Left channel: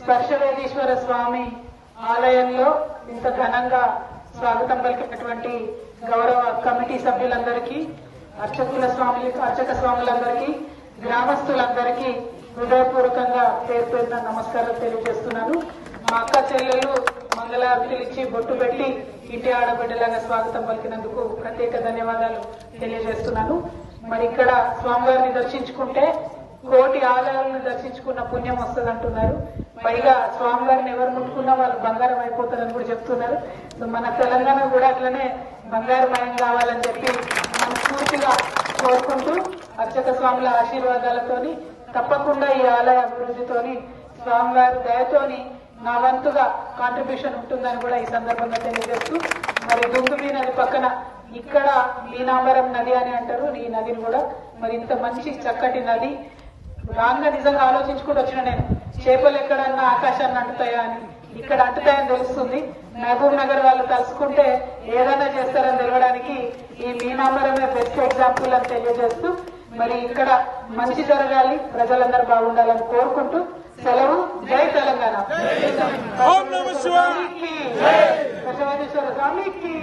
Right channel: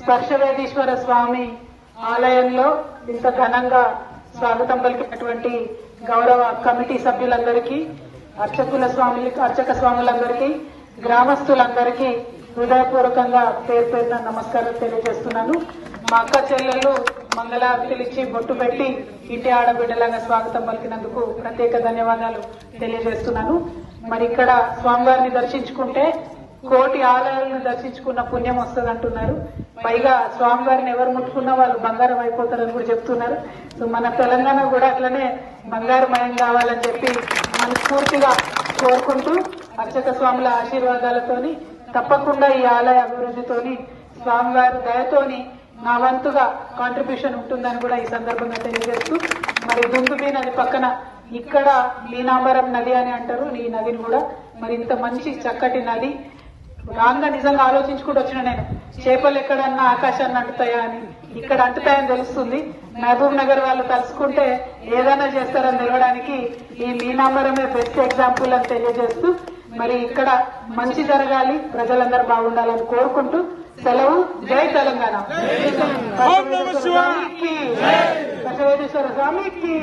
స్పర్శవేదీశ్వర స్వామి ఆలయంలో ఇంత ఘనంగా స్వాగతం పలికినటువంటి గౌరవ కమిటీ సభ్యులందరికీ, అర్చక స్వాములందరికీ, గ్రామస్తులందరికీ హృదయపూర్వకంగా పేరు పేరున నమస్కారం తెలియజేస్తున్నాను. మా అక్క చెల్లెళ్ళు మంగళారతులు ఇచ్చి బొట్టు పెట్టి ఇంటి ఆడబిడ్డలాగా స్వాగతం పలికినందుకు ప్రత్యేక ధన్యవాదాలు తెలియజేస్తున్నాను. మరి ఇక్కడ స్వామివారిని దర్శించుకుంటే కోటి ఆలయాలను దర్శించుకున్న పుణ్యం వస్తుంది అంటున్నారు. పైగా స్వామివారిని ఎవరు ముట్టుకున్నా వాళ్ళు బంగారం అయిపోతారని కూడా చెప్తున్నారు. సో మన తెలంగాణ కూడా అట్లనే బంగారమయం కావాలని చెప్పి మనస్ఫూర్తిగా కోరుకుంటూ అర్చక స్వాముల ఆశీర్వాదాలతోని తప్పకుండా ఈ ఆలయ అభివృద్ధితోని స్వామివారి దయతోని నా వంతుగా కాంట్రిబ్యూషన్ ఉంటుందని కూడా ఈ సందర్భంగా తెలియజేస్తూ, మరి దుందుబి నది పక్కన ఇక్కడ మీనాంబరం నది అని అంటారు. ఈ నదిని కూడా మరి ఇంత మంచి చక్కటి నది రాంగా నిజంగా ఆలోచించుకుంటూ వచ్చిన నేను, చేపలు ఎక్కడన్నా ఆకాశాన్ని అంటుతాయా అని, ఇక్కడ అంటుతాయని తెలుస్తుంది. మహబూబ్ నగర్ వాళ్ళు తలుసుకుంటే ఏదైనా చేస్తారని తెలవడానికి ఈ మీనాంబరమే బెస్ట్ ఎగ్జాంపుల్ అని తెలియజేస్తూ, మరి ఇక్కడ మంచి జరగాలి, ప్రజలందరూ బాగుండాలని కోరుకుంటూ సెలవు. జై తెలంగాణ. బసవేశ్వర స్వామికి.